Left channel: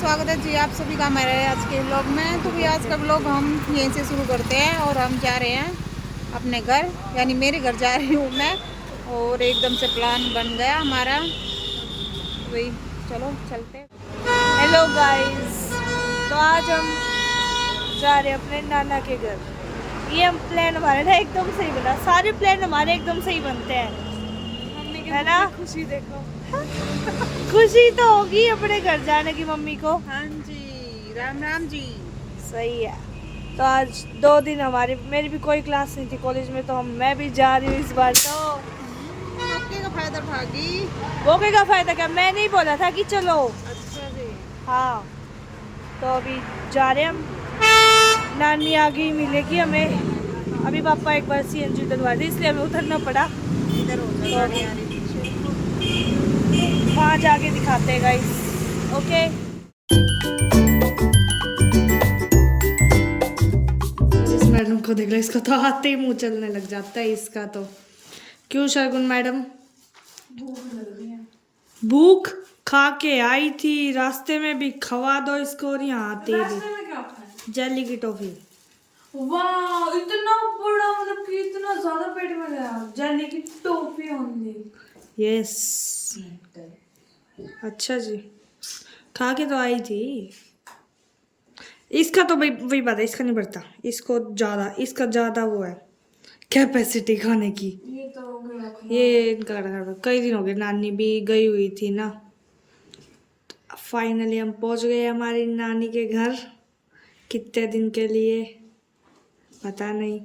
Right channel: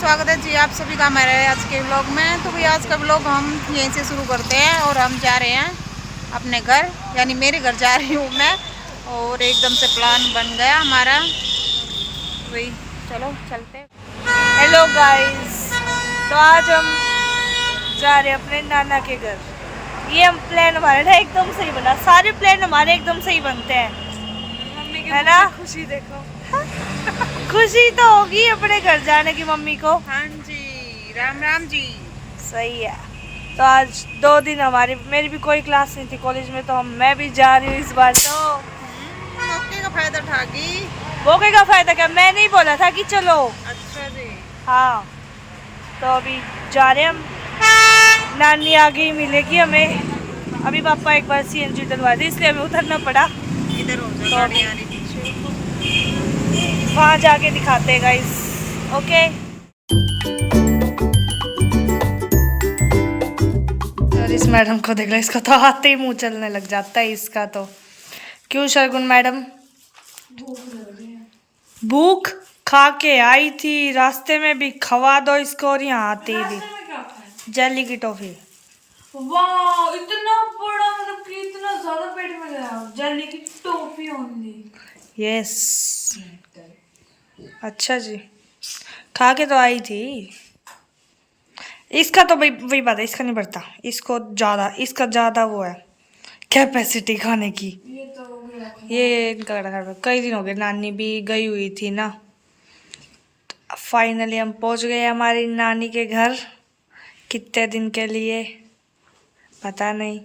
स्वागत है जी आप सभी का हमारे आज के व्लॉग में। तो भाई आज का व्लॉग हम यहीं से शुरू करते हैं और हम जा रहे हैं अपने घर, यानी मेरे घर जा रही हूँ मैं। और एकदम से प्लान बन गया हमारा, भाई चलो चलते हैं। हेलो गाइस, तो आज हम जा रहे हैं अपने नाना के घर। ये हम प्लान हमारे ना एकदम सही बना, सारे प्लान हमारे एकदम सही बनते हैं। मम्मी के है ना खुशी देखो। खुशी तो होगी अपने घर जाने की मम्मी को। हाँ जी, राम राम जी। सही है। तो आज 2 दिन हमारी मेरी भी कोई क्लास नहीं थी कॉलेज में, तो मैं भी जा रही हूँ इस बार। तो मौके का फायदा उठागी। मौके का फायदा क्या, मैं नहीं बोला था कि चलो। अच्छा जी। हाँ, तो अभी जा रहे हैं हम। नानी आगे ही मिलेगी हमें। अभी पापा एक बार सीएनजी डलवा दी, इसलिए हमें उतरना पड़ा। इधर हो तो जाओ, अभी वहाँ जाके दिखाते हैं गाइस। ओके। और इस मैडम को देख लो, इसका तो आते ही मुंह चलने लग जाता है इसका तो। क्यों शर्गुन मैडम? भूख खा के आई थी, रास्ते में भी खवा दो इसको। और यहाँ आते भी जेली की टॉफी। वाह, इतना बड़ा, मतलब कि इतना ज्यादा पेट में गया। जेली की टॉफी ओनली। यस, अच्छा जी, खा के तो आई थी। इसका तो भाई वही बात है, इसका नहीं बढ़ता, इसको ज़्यादा, इसका ज़्यादा वो है कैपेसिटी खाने की। ये तो हो गया। ये इनका कई दिन हो गए, नानी भी गई हुई थी ना। फाइनली हम पहुंच गए हमारी नानी के घर। कितने दिन के लिए पता नहीं,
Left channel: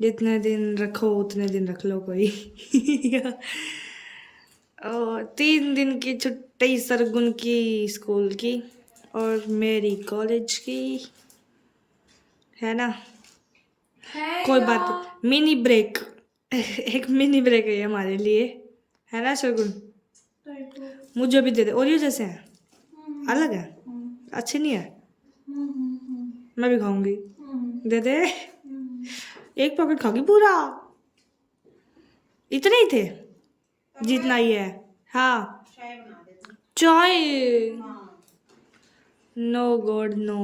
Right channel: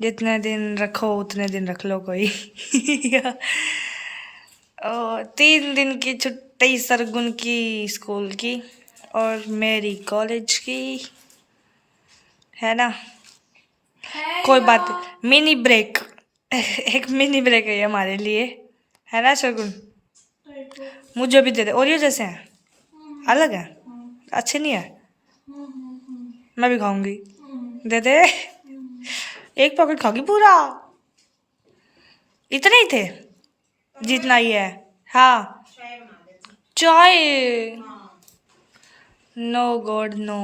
जितने दिन रखो उतने दिन रख लो कोई। और 3 दिन की छुट्टी सरगुन की स्कूल की और मेरी कॉलेज की, है ना। कोई बात नहीं, मिनी ब्रेक। एक मिनी ब्रेक है ये हमारे लिए, है ना सरगुन। मुझे भी दे दे। ओरियो जैसे हैं, अलग है, अच्छे नहीं है। मैं भी खाऊंगी, दे दे। एक पॉकेट खाओगी पूरा? इतने ही थे जितना ही है। हाँ, चाय। No God no.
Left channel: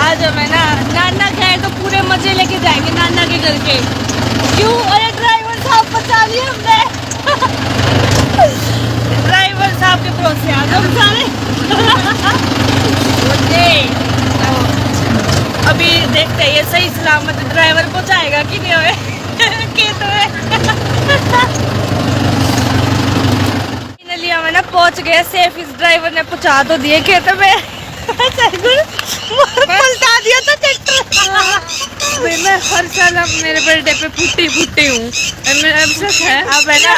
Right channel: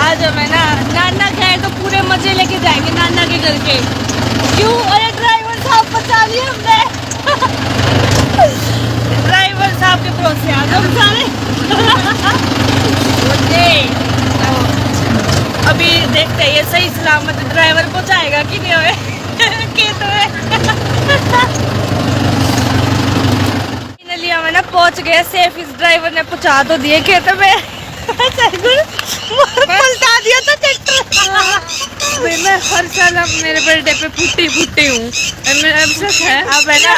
आज हमें ना नाना गए तो पूरे मजे लेके जाएंगे नाना के घर के। क्यों? अरे ड्राइवर साहब बचा लिए हमने। ड्राइवर साहब के भरोसे आ गए हम सारे। अभी देखते हैं ये सही सलामत ड्राइवर पहुंचाएगा कि नहीं हमें खेत में। फाइनली हमें ना पहुंच गए सेफ। इस ड्राइवर ने पहुंचा तो दिए खेत में। पलटा दिया था ट्रैक्टर। मैं हर साल अब मेरे बर्थडे पे फुट्टी हूँ। अब है ना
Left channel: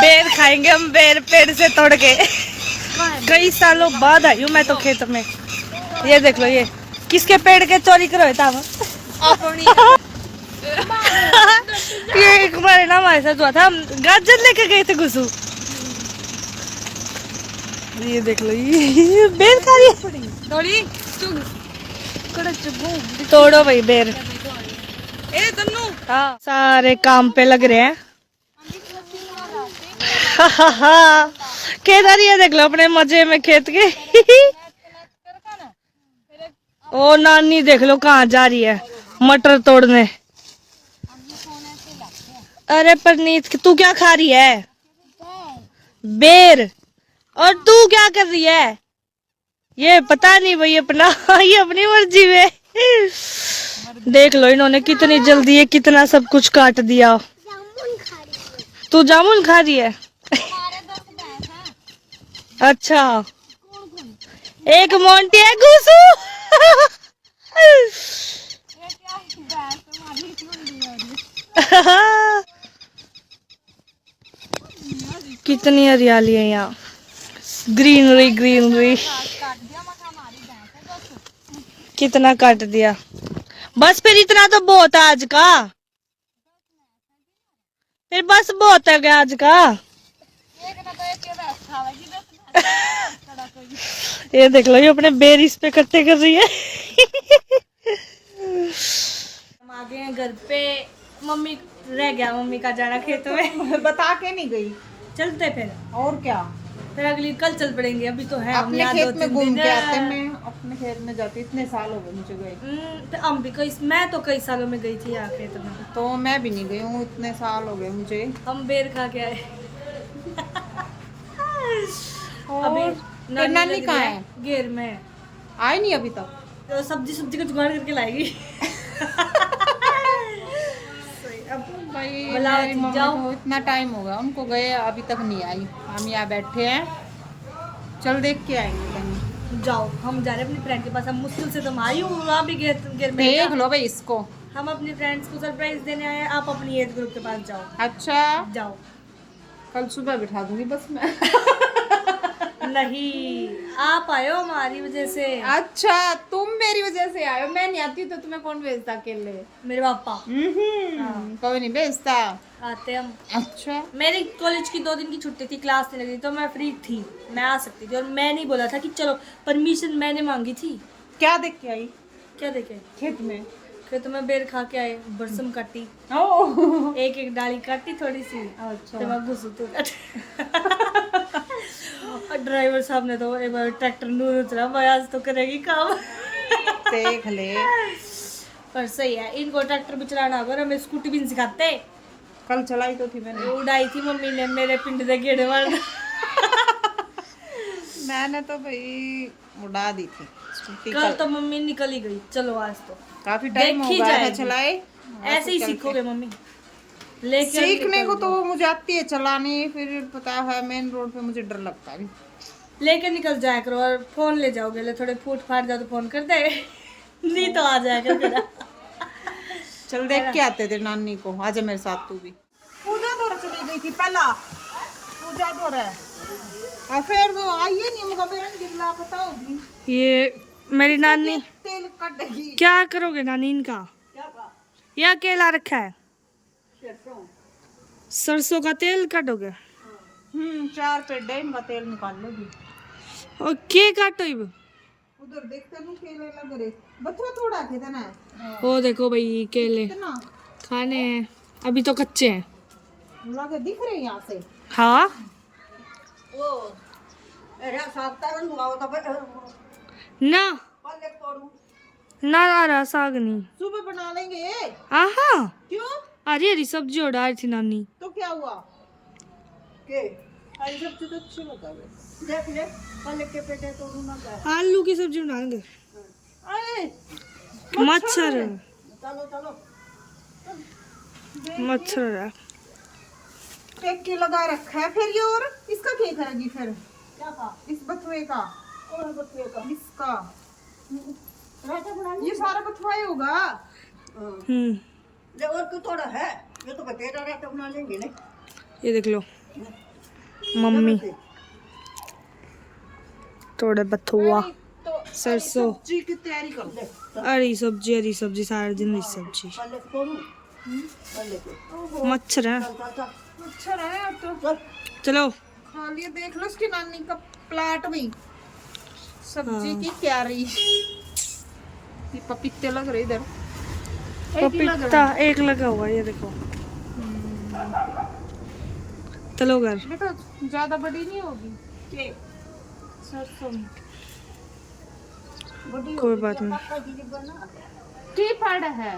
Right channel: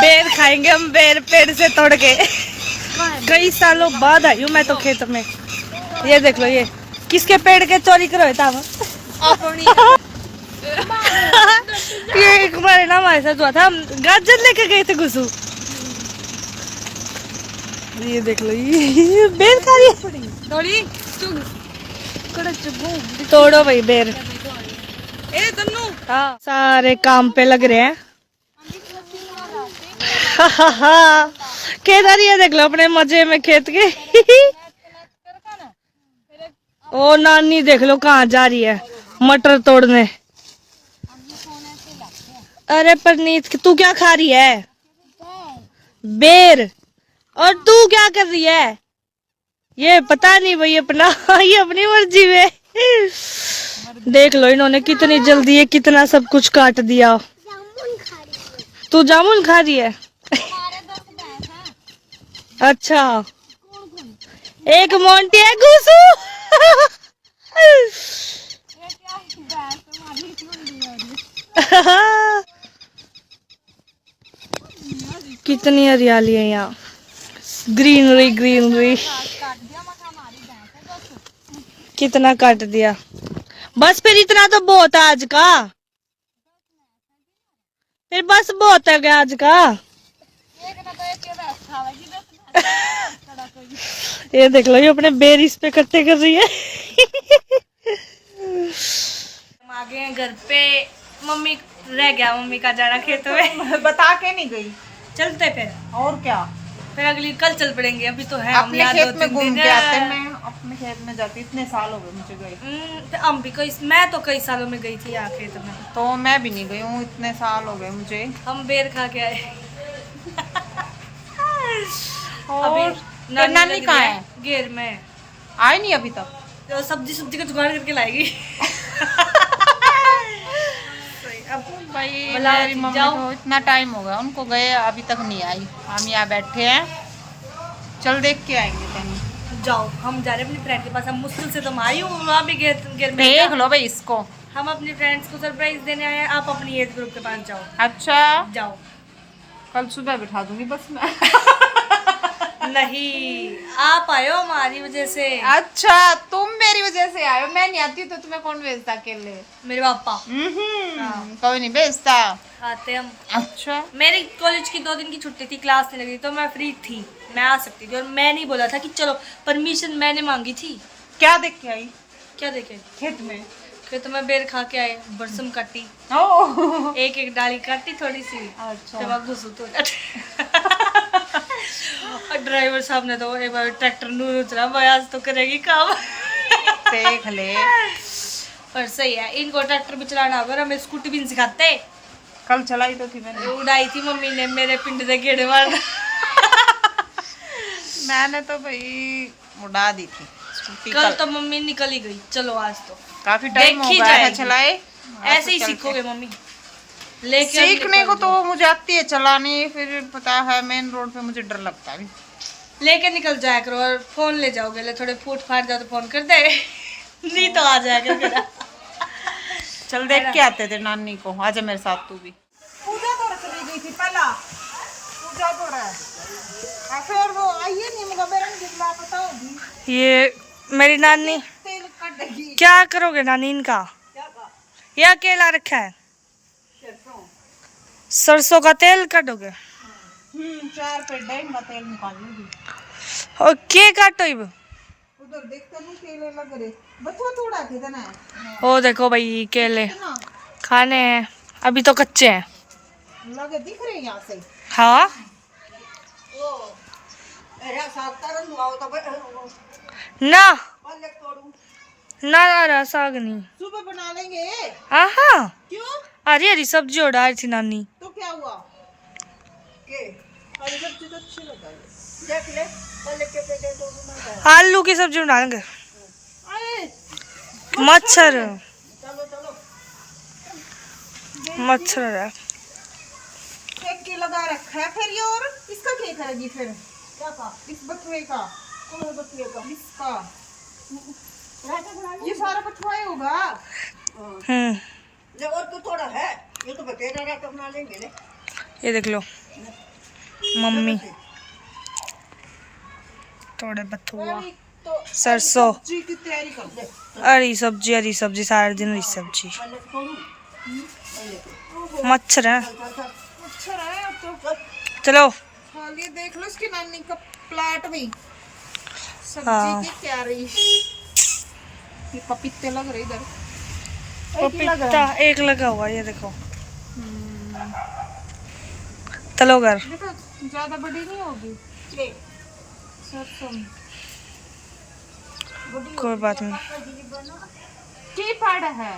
बेर खाएंगे हम, बेर पेड़ से तोड़ के। कई सालों बाद आई हूँ मैं तो खेत में। ये देख लो, ये किसके पेड़ के चोरी करो था। ये एक बार ना हमारे साथ हुआ था, हम गाजर लेके गए थे गुसू। ये देख लो, ये बेर खा रही है। तोड़ो भाई बेर। हाँ, सारे काम पे लग रहे हैं। केदार ये देख लो अपने मजे में खेत के। ओ नानी देख लो कहाँ जा रही है मटर तोड़ने। अरे परनीत, तू क्या खा रही है? बेर। और तू क्या कर रही है? ये पता नहीं भाई अपना। ये अपनी मर्जी में। देख लो इन्होंने कितनी जल्दी ये कितना सब कुछ काट दिया। तू जामुन खा रही है? अच्छा, एक मोंटी है गुसू। कितनी हरियाली है यहाँ, ग्रीनरी ग्रीनरी। कितना काट दिया। बस फिर इतना तो बहुत है आज का। फिर बस बहुत है आज का। ये देख लो, ये अपने बेर इस पे इकट्ठे कर रही है। हम आ गए हैं घर पे। मम्मी रह गया मम्मी का जाना खेत में। बता के नहीं गई। चलते फिर, और क्या, फिर अगली कल चल पड़ेंगे। अभी तो है हम अपने यहाँ खेत 2-3 में घूम दिन के है। आते। मैं अपने खेत में जाती, इतने साल हो गए मुझे गए। तो हम भी मैं तो कई सालों में गई थी यहाँ खेत में। तो मैं भी नहीं गई हूँ, इतने साल हो गए मुझे। हम बेर खा के आए। और अभी नानी कहाँ है? घेर में आई नहीं अभी तक। तो सब्जी का जुगाड़ करके लाएगी। अब भाई बुलाओ मेरी जी, मम्मी जाओ। तो इतना टाइम हो गया उनको गए, अभी तक नहीं आई। हम यहाँ बैठे हैं, चल देख के आएंगे कहीं। जाओ, हम जा रहे हैं अपनी फ्रेंड के पास। हम मुश्किल से तुम आई हूँ, वहाँ भी घेर में। देख लो भाई इसको। हम अपनी फ्रेंड्स को सरप्राइज देने आए हैं। आप अपनी एज ग्रुप के पास जाओ। अच्छा, जाओ। कल सुबह बिठा दूंगी बस मैं। नहीं, आप आए हो हमारी वजह से। अच्छा, तुम मेरी वजह से आए हो, मैं नहीं आती तो तुम्हें कौन भेजता अकेले? मेरे पापा कोई नहीं भेजता। आते हम। अच्छा, मेरी कॉलेज की 2 दिन की छुट्टी थी, क्लास नहीं लगी, तो मैं फ्री थी, मैं आ सकती थी। और मैंने ही बोला था कि चलो, परमिशन मैंने मांगी थी। क्या देख के आई क्या देखे? खेत में? खेत में बेर खा के आए, बरसम काटी, ओह, एक डाली काटी थोड़ी सी। अच्छा। तो मैं घुसू तो और ड्राइवर साहब ने तो एक बार ट्रैक्टर नूर चला, भाई आज तो करेगी काम। देख ले, पर सही है, इनको ट्रैक्टर भी चलाना होगा, हमें स्कूटी भी नहीं सिखाते। कल चलाई तो थी मैंने। उड़ाई थी मम्मी ने मेरे पिंड से गेड़े मार। मैंने तो भाई उड़ा दी थी स्कूटी कल तो मम्मी निकल ही गई। चलो आज तो काफी टाइम हो देखी गया है जाएगी। चलाए। ऐसे ही सीखोगे मम्मी, लेके सीखने को तो मुझे आती है चलानी, फिर पता है मेन रोड पे मुझे डर लगता है। लेके निकल जाया करो और फोन ले जाओगे, ले थोड़े फूट फाट जाओ तो फोन कर दे। नहीं तो आ जाया करो। चल देख के आते थे नानी को, आजा मेरे साथ तू भी। पूजा थोड़ा चली गई थी पहला, पूजा थोड़ा फिर वो आइए नहीं मुझे बेरन गिरला पता होगी। ये मेरी नानी, तेल कटेगी। क्या करोगे नानी इनका? यह अकेला रखा है, सरसों का तेल काटोगे? 4 पेड़ इनका तेल निकाल लेगी। और के काटो इब? उधर देखते नहीं केले लग रहे, बच्चा थोड़ा कितना है। ओ देखो भाई केले खाने हैं, अभी तो कच्चे हैं। लगे दिख रहे यहाँ से। हाँ, ना ना आ रहा साग नहीं। सुबह बना लेंगे। आहा, क्यों? हरी हरी सब्जी उड़ा रही थी नानी। तो क्या हुआ? हरी सब्जी तो अच्छी लगी। देख ले, आलू की सब्जी बनाएंगे। आए, मच्छर चलो चलो। मच्छर है। एक की लगा रखा है फिर ये, और इसका क्या करेगी फिर? क्या का? इस बथुए का। कौन बथुए का? इसका ये सारा बथुआ ही होगा। और तो थोड़ा है, ये तो बतेरा रायता बना लेंगे ने। ये देख लो मम्मी, थोड़े बथुआ, सरसों, जी की तैयारी कर दे। हरी सब्जी सारा दिन हरी सब्जी। मच्छर है। अच्छा रहा तो चलो खा लिए। देख लो इसकी नानी का प्लाट भी सब्जी हाँ। की तैयारी। ये पपीते लग रहे इधर, एक ही लग पपीता रहा है। एक लगा हुआ, ये देखो। चलो घर। देखो ज्यादा बड़ी नहीं होगी सरसों। कोई बात नहीं। की फाड़ है?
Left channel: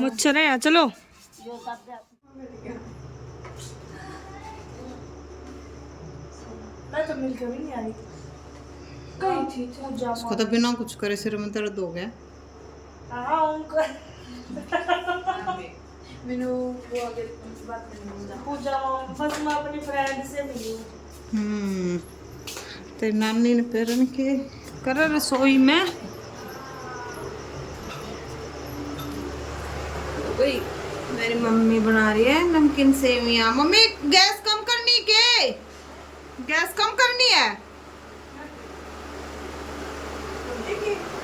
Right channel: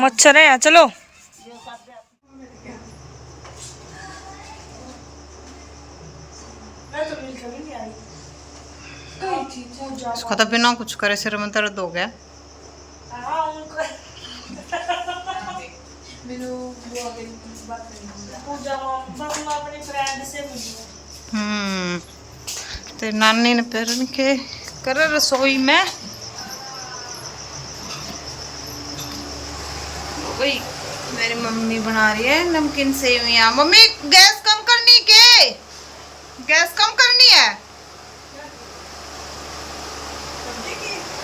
मच्छर है यहाँ, चलो। इसको तो बिना कुछ करे सिर में दर्द हो गया। तो नानी ने पैरन के कर रसोई में वही मेरी मम्मी बना रही है नमकीन सेवियां। मम्मी गैस कम करनी के? गैस कम करनी है?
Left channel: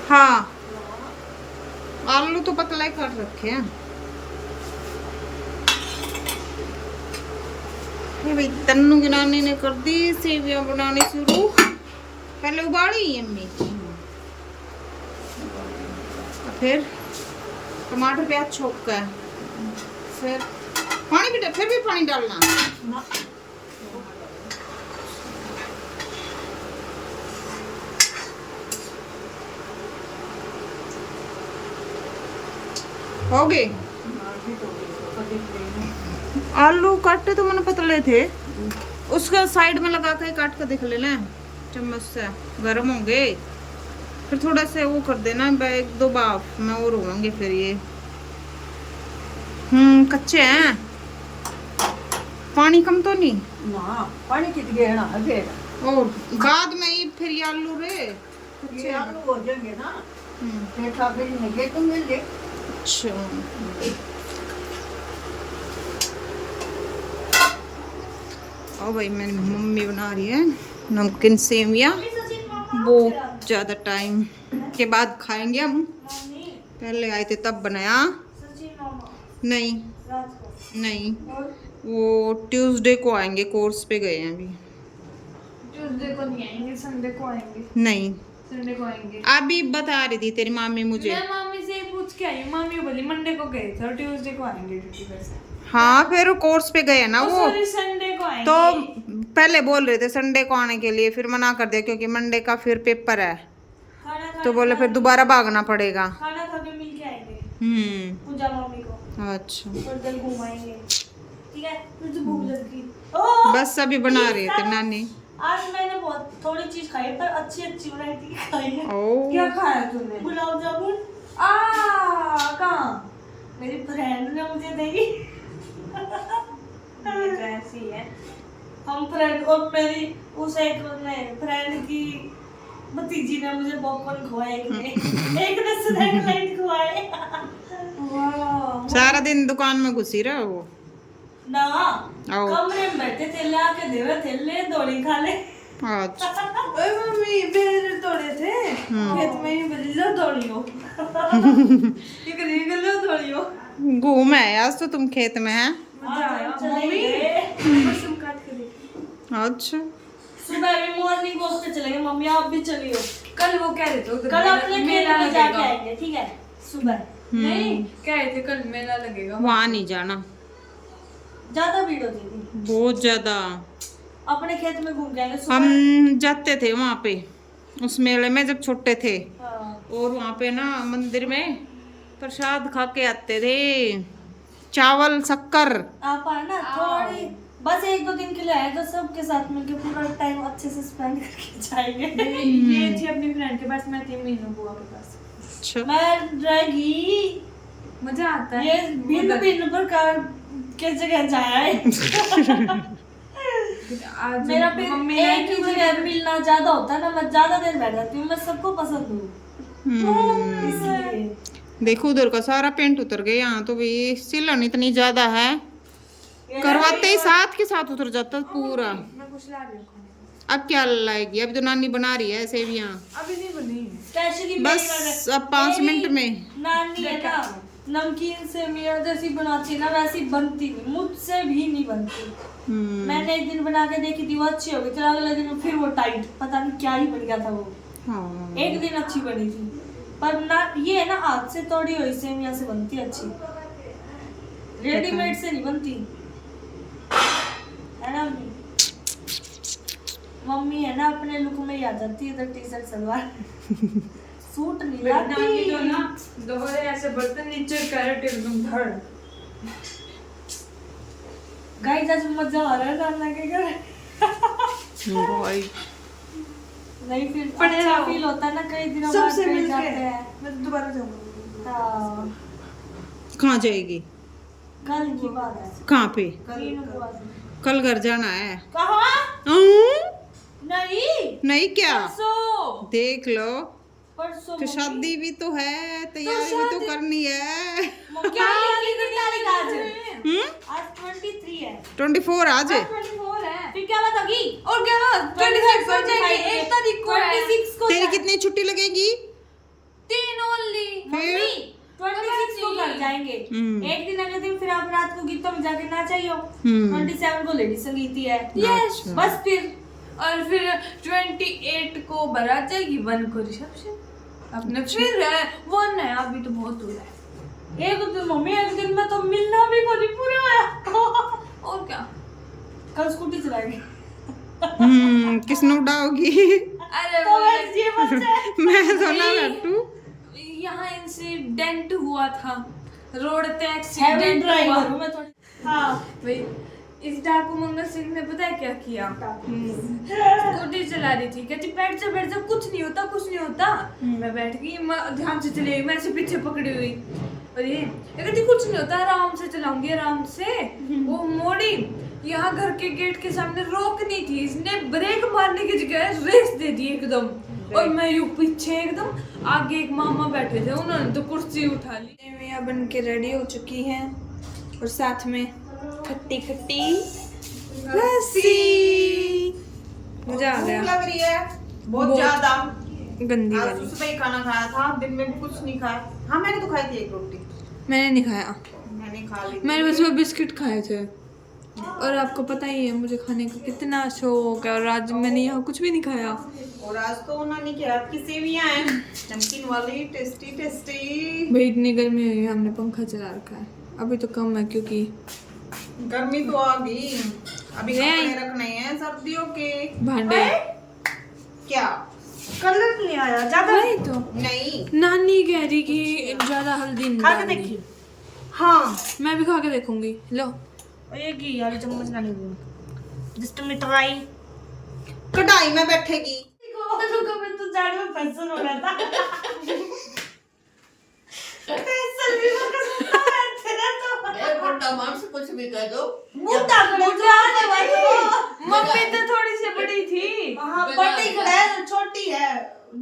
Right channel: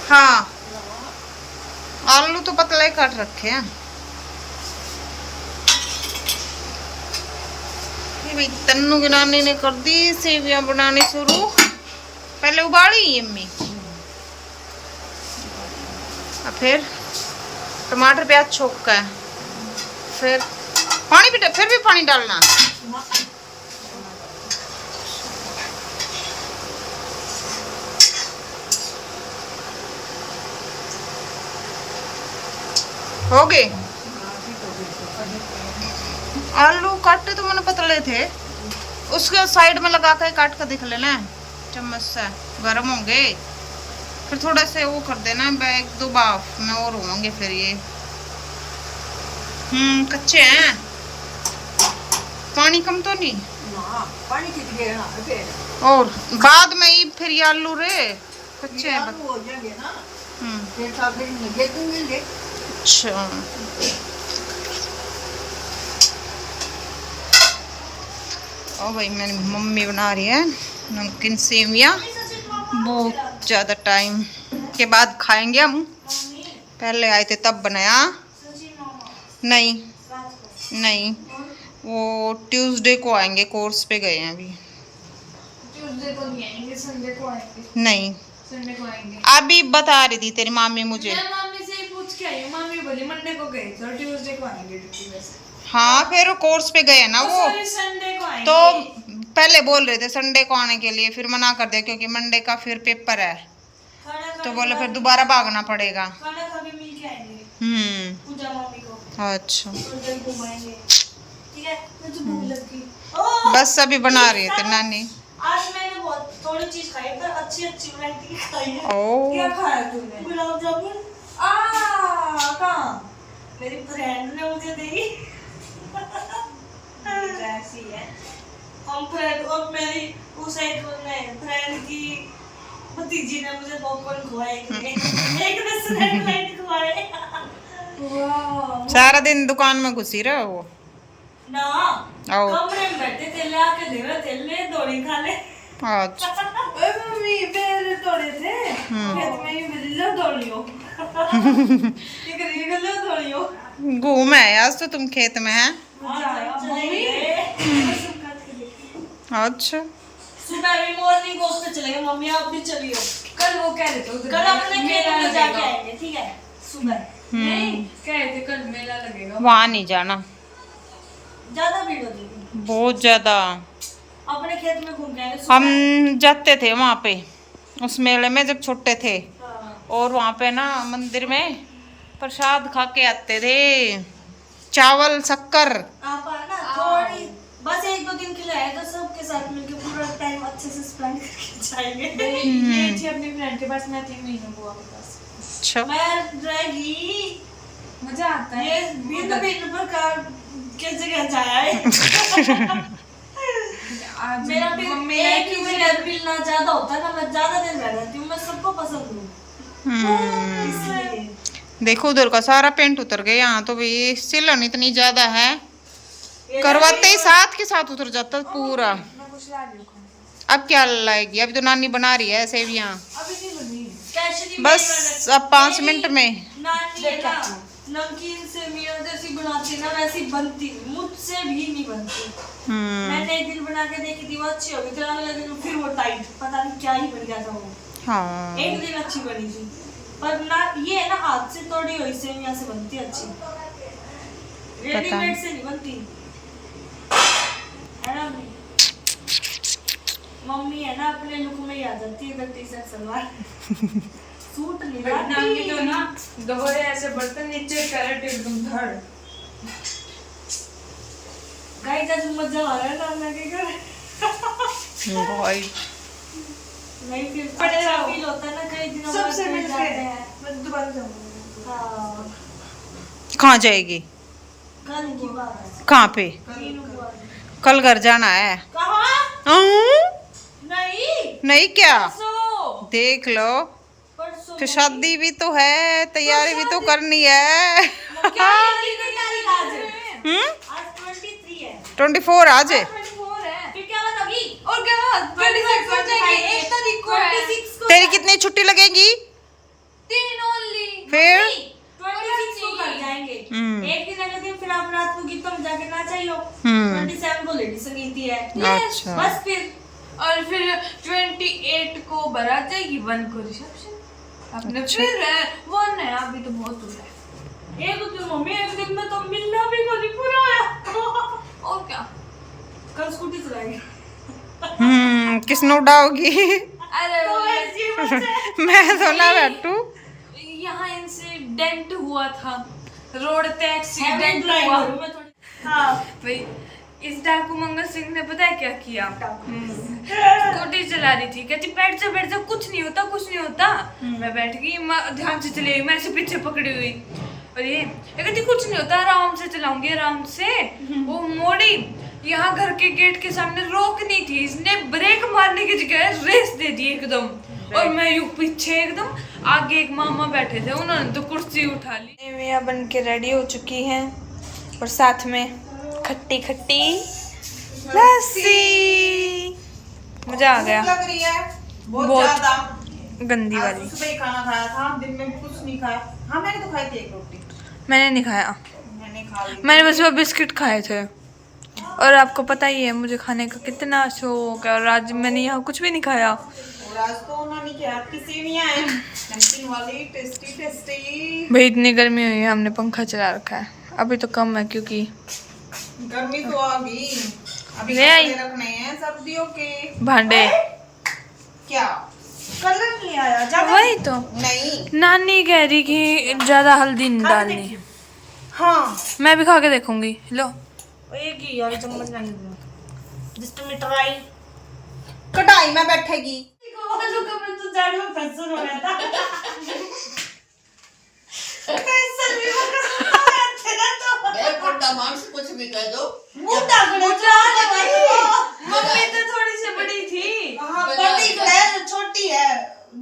हाँ, आलू तो पतले काट रखे हैं। ये भाई तन्नू की नानी ने कर दी सेवियां बनानी शुरू। पहले उबाली अम्मी, और फिर टमाटर प्याज छोक का है, फिर पानी भी, फिर भी पानी डालना। हो गए आलू काटे तो मैंने पतले थे, उसके साइड में लगा के काट कर दिख लेना चम्मच से, गर्म होंगे फिर थोड़ा से वो कर देना, एक दो बाफ में और होंगे फिर ये। कच्चे हैं, पानी कम तो नहीं पानी कितने ना फिर और बाद में ही फिर ये आलू रे कच्चे हैं। हो जाएंगे ना हम्म ये था फिर लगे तुंगे ले। अच्छा ओ भाई मेरी मम्मी बना रही है नमकीन सेवियाँ, बहुत ज़्यादा टाइम के बाद खाएंगे हम, पहले आए थे तब बनाया। नहीं नहीं, वो ट्यूसडे को आएंगे, कोर्स पे गए हैं अभी। ट्यूसडे को नहीं आएंगे, संडे को आएंगे। नहीं संडे को आएंगे। अभी बता रही थी तेरी मामी मुझे। मैं मामी से पूछ के आई, मामी बोली मंडे को गए थे और ट्यूसडे को आएंगे ड्यूटी से। हाँ फिर कोर्स पे गए ना वो, संडे को आएंगे। तो पहले बोल रहे थे संडे को आने के लिए, फिर मना कर दिया क्योंकि मंडे का फिर पेपर है, तो बोले फिर दोबारा भागना पड़ेगा। खाना खा के मिल के आएंगे हम्म पूजा मम्मी को, अच्छा और कहीं घुमाएंगे। ठीक है, मुझे भूख लग गई। बस अभी बना रही थी नानी। आज मैंने बहुत थोड़ी चीज खाई पर अच्छी अच्छी वैरायटी खाई है। ओ क्या खाया तूने? गुलाब जामुन। कहाँ? मेरी फ्रेंड ने मुझे दी। ऐसी है हम फ्रेंड, और मेरी उस एक फ्रेंड की भतीजी ने मुझे पॉपकॉर्न खुआए, एक ने स्नैक लाइट खुआए। वाह, सारा दिन दुकान में घुसी रहा वो ना आओ। कमरे में बैठे थे, ला के दे रहे थे, ले दौड़ी खा ले। अच्छा ओए मम्मी बेर तोड़े थे खेत में ही, मेरे लो दौड़ियो। ये करी लो दौड़ियो। घूम है आज तो तुम खेत में है। मजा आया मम्मी। अच्छा सुबह भी मॉर्निंग वॉक पे चलेंगे मम्मी, आप भी चलियो। कल वो कह रहे थे उधर कल अपने मेला में जाके आएंगे, ठीक है सुबह। नहीं कह रहे थे कल मेला लगेगा, वहाँ नहीं जाना, ज्यादा भीड़ होती, बहुत ज्यादा। अपने खेत में घूम के आएंगे। हम जाते थे वहाँ पे उस मेले में जब छोटे थे, हाँ। और वहाँ पे ना मंदिर में प्रसाद खा के आते थे, चावल शक्कर। आप आना थोड़ी, बस एक दो दिन के लिए आए तो सबके साथ मिलके पूरा टाइम अच्छे से स्पेंड करके जाएंगे। ये थी अपनी फ्रेंड के पास, मैं थी मीनू बुआ के पास। अच्छा मैं रहेगी, मजा आता है। ये भिन्न भिन्न प्रकार के जगह जाए। आज मेरा मम्मी एक ही जगह मिलना ज्यादा होता है ना, मैं ज्यादा दिन रह जाती हूँ, मैं सबको पसंद हूँ इसलिए। देखो उधर का सारा पेंट उतर गया, यहाँ तो भी सिलन इतनी ज्यादा है, करवाते ही साथ के साथ उतर जाता पूरा। मैं कुछ ला रही हूँ खाने। अब क्या लाएगी, अभी तो नानी बना रही है सेवियाँ, अभी नहीं बनी है। बस अब 5 मिनट में। नानी है ना, नमकीन सेवियाँ जैसी बनाती ना वैसी बनती, मुझसे भी नहीं बनती। मैंने एक दिन बना के देखी थी, वो अच्छी हो गई, फिर अगले दिन फिर वो टाइट, पता नहीं क्या ही बन गया था वो। हाँ एक दिन अच्छी बनी थी, पर ना ये है ना हाथ से तोड़ी हुई सेवियाँ से बनती अच्छी, रेडीमेड से नहीं बनती है ना। मम्मी है ना अपने लुक में ही आ जाती है, टी शर्ट सलवार सूट नहीं लाती जो ना गवाए ऐसे बर्तन नीचे कैरेट एकदम भर। गाइस आज मजा आ रहा है ना, मैं क्या कर भाई नहीं, फिर अच्छा फील होता है ना, कई दिनों बाद मिल जाते हैं। मैं दोबारा जाऊंगी। हाँ कहाँ जाएगी, कल की बात है। कहाँ पे, कल कल घर जाना है। कहाँ? नहीं नहीं क्या, परसों, देख लो परसों तो शादी भी तो है, तैयारी भी तो करनी है। क्या आज है? हम्म आज 23 है। 24 आज है। 24 है। फिर क्या बात होगी? और क्या बात? 26 हो जाएंगे, 1 तारीख को है। 26 को तेरी कितनी छुट्टी लगेगी 3 ओनली। फिर 26 को घर जाएंगे। एक दिन अगले दिन फिर आप रात को गीतों में जाके नाचाइयो। 27 को लेडी संगीत है। अच्छा। बस फिर और फिर 28 को बारात जाएगी, 1 को रिसेप्शन, अपने फिर वो नया अभी तो बहुत दूर है। एक दिन मम्मी, एक दिन में तो मिलना भी को नहीं पूरा आया। और क्या, कल स्कूटी चलाएंगे। किसने उड़ाओगी? अरे तो वैसे ही बस है। मैं तो ना बैठू। यहाँ इंसिडेंट हुआ था, रोड पे Heavy एक्सीडेंट हुआ। driver हूँ मैं थोड़ी। हाँ भाई इस डाकू मंगल सिंह ने पता है क्या किया? स्कूटी चला रही थी, कहती बैठ जा कुछ नहीं होता कुछ नहीं होता। मैं बैठ गई, ध्यान से चली गई, मैं ऐसे पीछे पकड़ी हुई और ये कहती कुछ नहीं होता आराम से चलाऊंगी आराम से। वो मोड़ी, यहाँ घर के गेट के सामने रोकनी थी, इसने ब्रेक मारने की जगह रेस दे दी एकदम। और मैं यूं पीछे एकदम, आगे एक मामा बैठे थे, उन्होंने तो कुर्सी उठा ली। मियाँ बन के रेडी हो चुकी हैं और साथ में खट्टी खट्टी लस्सी। मजा आ गया। लग रही है बहुत बहुत ज्यादा। गंदी आज वाली। सुबह ही खाना खाया था, दिन में भी कुछ नहीं खाया। हाँ मैंने तो खाई थी एक रोटी, मैंने नहीं खाया, मैंने खा ली। मैंने बस वो बिस्किट खाए थे। और आपको पता ही है मुझे खाने का कितना शौक है, और आज मैंने यहाँ कुछ भी नहीं खाया। और आज तो नानी के हाथ की सेवियां हैं, नमकीन वाली, टेस्टी टेस्टी। भाई इतनी गर्मी हुई है, हमने पंखा चला रखा है। अभी तो कम है क्योंकि गर्मी तो आ गई। अभी ले आई। कपड़े रखने हैं सर्दियों के। भांडे। क्या कलर नहीं आया ज्यादा। वही तो नहीं, नानी कह रही कि ज्यादा हल्दी नहीं डालनी। हाँ मैं भी खा के देखूंगी। लो एक ही वाली चम्मच लानी थी। जस्ट में ट्राई। कढ़ाई में बैठेगी। तो जाड़ में पेंसिल हो रहा था। पेंसिल भी वो कसम रहते ना तो। एक घंटा मांस कुछ भी कह दो। मुंह ताकने जाने वाली। मम्मी तो थोड़ी सी बड़ी थी। हाँ बड़ी है, छोटी है,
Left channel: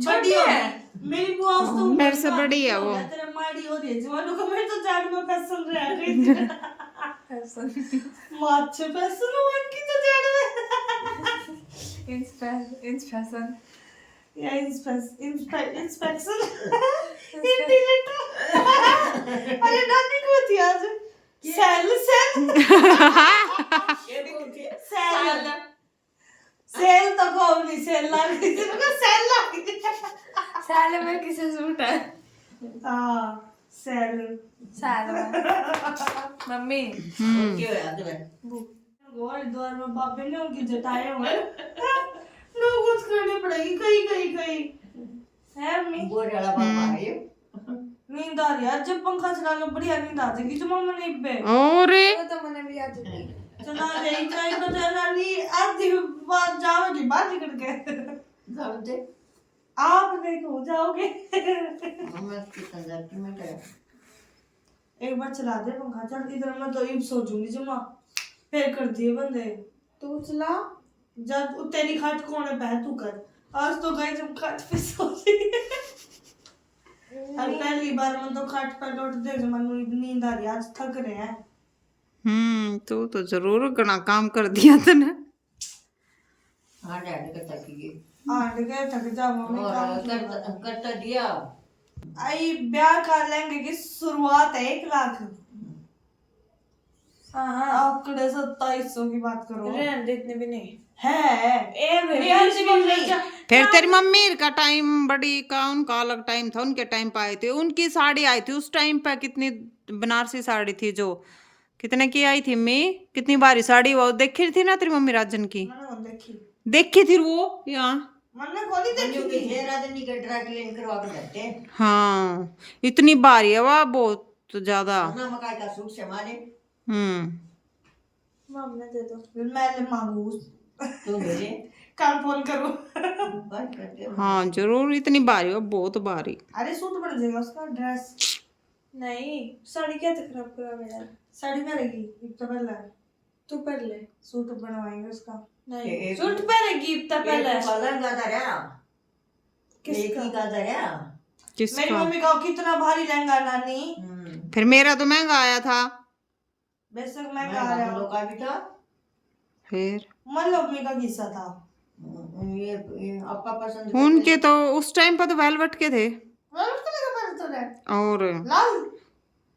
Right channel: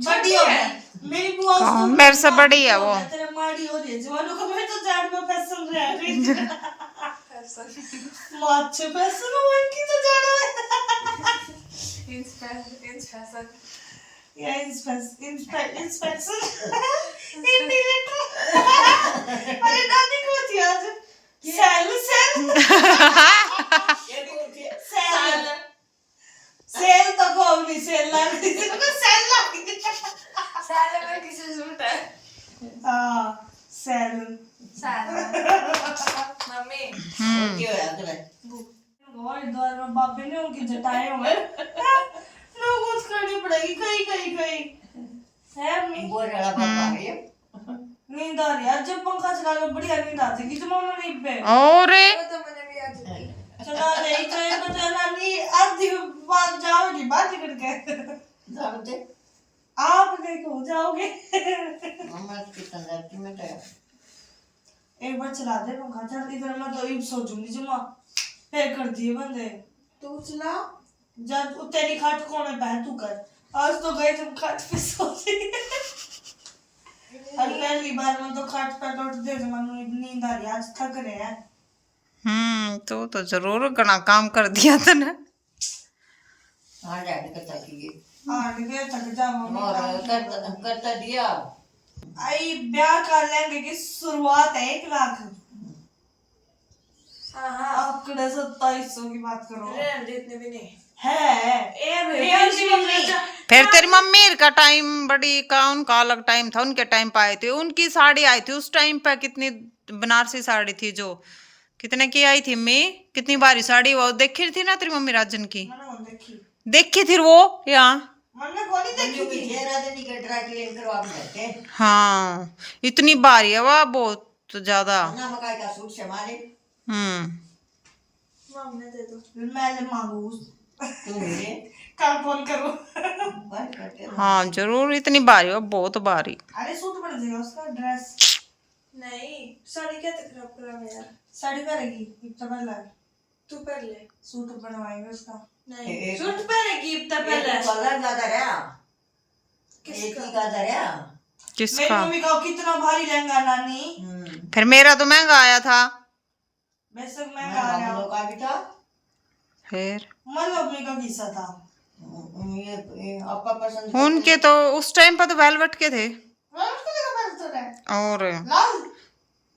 बड़ी हो है। गई। मेरी बुआ हाँ, मेरे से बड़ी है वो। तेरे माड़ी हो रही है जवानों को। मैं तो जाड़ में पेंसिल रह रही। माच्छे पेंसिल हो इनकी तो जाड़ में। इंस्पेक्शन। या इंस्पेक्शन हिंदी लेटर। अरे दादी को थी आज सेल सेल तो कौन सेल लगी थी तो सेल लगी। साले में किसी सूट है। हाँ सेल साले मम्मी क्यों याद में और द्वार में बाबे ने उनकी जटाएं हुए लोग कुछ करनी पड़ेगी कहीं है अम्मी। बोरेला बाबा है। नींद आ रही है जब पंखा चला लो बढ़िया नींद आ जाएगी जो मम्मी नींद पे और तो मैंने भी आज चला रही चाहे बता नानी आधी बात जाओगी बात ही करके जान दे आप देखो जाओगे। मम्मा कितना जाती में तो एक बार चला दे पंखा चल इधर मैं तो सो जूंगी जुम्मा फिर कर दिए बंदे। तू चला। जब तेरी खाट कौन है बहन तू कर। आज तो गए तुम खाट पे सो रही। और पहली बार मैं तो खाट पर लौट दे तो मनु नींद आ रही आज थक रहे हैं। तो जरूर घना काम कर दिया था ना। हाँ डैड का तकी आठ गए थक जा मम्मी और काम करता दिया। आई ब्याह कर लेंगे की शुरुआत है 1 लाख। आंकड़े 2700 की बात करो। इतने भी नहीं है फिर तेरी मम्मी का टाइम बड़ी का उनका अलग टाइम था, उनके टाइम पे आए थे। उनकी साड़ी आई थी उस टाइम पे, कितनी बनारसी साड़ी थी जो कितने की आई थी। मैं कितनी बारी साड़ी वो देखी थी ना तेरी मम्मी राजन की, मैंने कौन देखी। देखी थी वो यहाँ। मैंने कौन ही देखी थी। ये राजनी का ड्राई क्लीन करवा के देते हाँ इतनी बारी है वह, बहुत ज्यादा। ना मकाई का सूट समाले मम्मी दे दो मैंने मांगू तू मेरे कल फोन करूँ। बात करते हो। हाँ जरूर, इतनी बारी है बहुत बारी। अरे सूट बन जाएगा उसका ड्रेस। नहीं साड़ी क्या खराब करा यार। साड़ी पहनेगी इतना पहले तू कर ले। सूट बनवाएंगे उसका। नहीं एक- सूट पहनेगी इतना एक पहले। ही कलर गादा रहा एक ही गादा रहा। मेरी किसका? मम्मी का कितना भारी लहंगा नानी। फिर मेरा तो महंगा आया था। बेशक मैं महंगा आया। लोग का भी था। फिर मन मम्मी का किस्सा था। ये आपका पसंद उनके तो उस टाइम पर तो वेलवेट के थे। मैं उसको लेकर पहन तो रहा और लाल।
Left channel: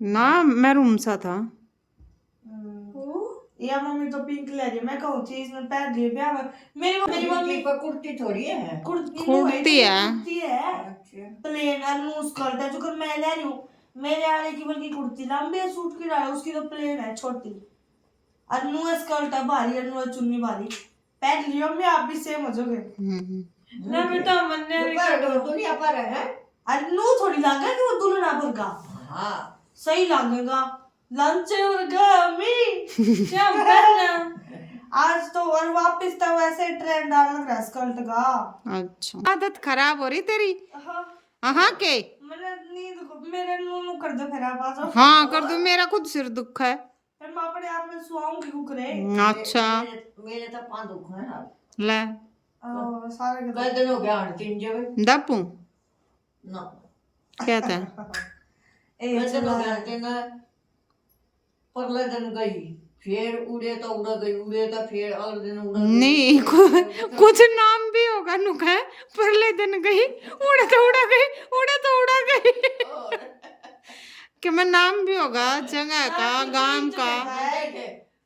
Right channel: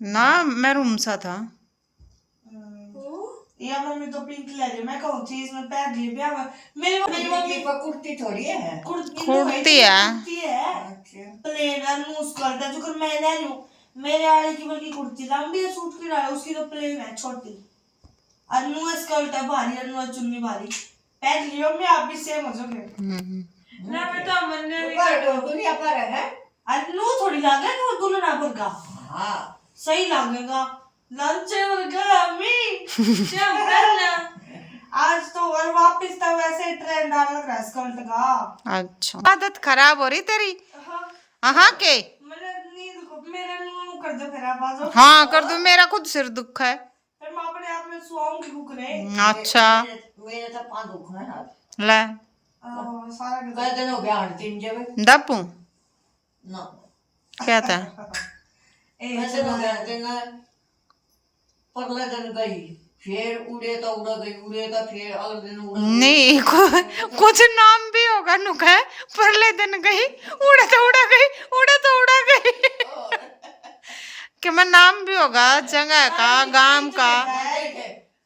ना मैरून सा था। या मम्मी तो पिंक ले गई, मैं कहूँ चीज में पहन लिए ब्याह में। मेरी मम्मी पर कुर्ती थोड़ी है। कुर्ती है। अच्छा। प्लेन और लूज स्कर्ट है, जो कि मैं ले लूं। मेरे वाले की बल्कि कुर्ती लंबी है, सूट की डाल, उसकी तो प्लेन है छोटी। और लूज स्कर्ट है भारी, और लूज चुन्नी भारी। पहन लियो, मैं आप भी सेम हो जाओगे ना बेटा। मन्ने ऊपर दुनिया पर है। और लू थोड़ी लागे कि वो दुल्हन भर का हाँ सही लागेगा। लंच वर्गा मी क्या पहनना आज तो। और वापस तो वैसे ट्रेंड डालना रहा स्कर्ट का। अच्छा, आदत खराब हो रही तेरी। हाँ हाँ के मेरे नींद को मेरे नूनू कर दो, फिर आप आ जाओ। हाँ कर दो, मेरा खुद सिर दुख है। फिर मैं अपने आप में सुआऊंगी कुकरे। अच्छा मेरे तो पाँव दुख है यार। ले सारा कई दिन हो गया आने 3 जब दपू ना। क्या था? कई दिन हो गया 3 परले दिन गई, फिर उड़े तो उड़ गई, उड़े तो फिर अगले दिन उड़ गई। नहीं कुछ नाम भी होगा नुका है। परले दिन गई, उड़े तो उड़ा गई, उड़े तो उड़ा गई। कि मैं नाम भी होगा जगह का, गांव का।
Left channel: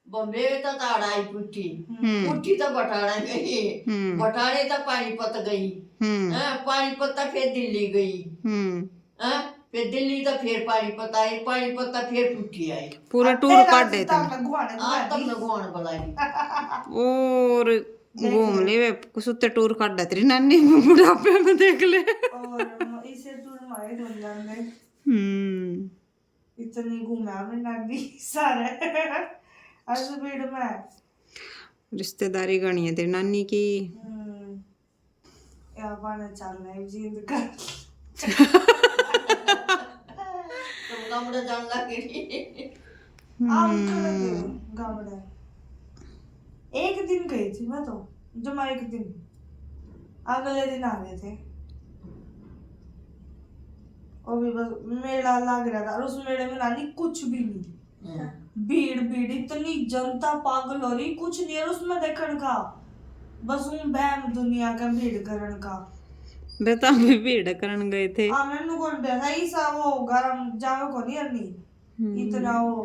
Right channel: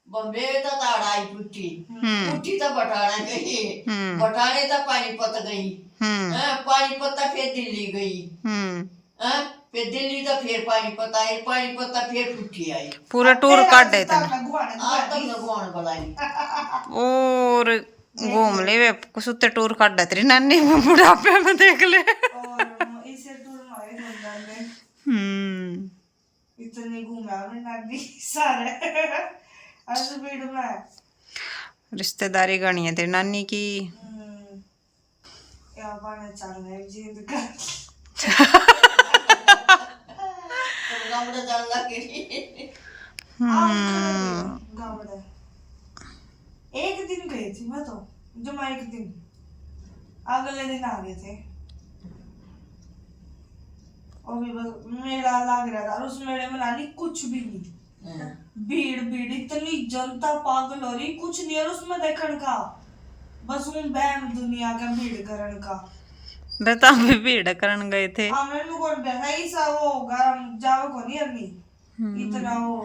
बम्बे तो ताड़ाई पुट्ठी, पुट्ठी तो बटाने गई, बटाने तो पानीपत गई, पानीपत तो फिर दिल्ली गई, फिर दिल्ली तो फिर पानीपत आई, पानीपत तो फिर पुट्ठी आई। पूरा टूर काट देते आज तक लगवान बुलाई। और घूम ले वे कुछ टूर काट देते रही नानी बुढ़ापे में देख ले। इसे टूर मारे रमजान में इतनी घूमा मैं नानी सारे आज भीड़ में। रिश्तेदारी गणी है तेरी नानी की। या बाने चल रहे जींद का गामड़े जानला के लिए गावड़े एक दिन गई थी मैं तो, जमा एक दिन, अगले दिन आ गए थे। और भी बस मेला लग रहा था, और उस मेले में नानी कुछ भी नहीं। भीड़ भीड़ इतनी जनता पागल हो रही, कुछ नहीं है उसमें देखने का, बस उन बहन दुनिया का भीड़ करन का। बेटा भी भीड़ करन गए थे। हाँ मैंने को देखा ऐसा वो होगा जाओ को नहीं अरनी इतना वो।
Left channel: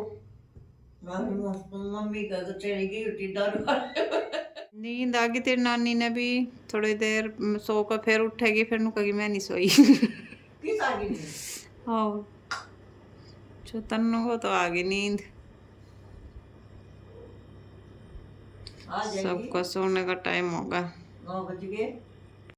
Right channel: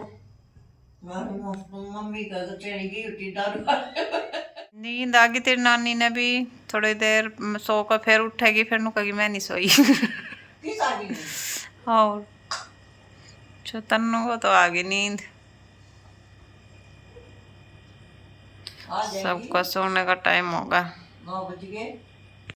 मम्मी का तो चली गई उठी दारू। नींद आ गई तेरी नानी ने भी। थोड़ी देर सो कर फिर उठेगी, फिर नु कहेगी मैं नहीं सोई। किस आ गई? और तन्नू को तो आ गई नींद। आ जाएगी। सबका सोने का टाइम होगा। 9 बज गए।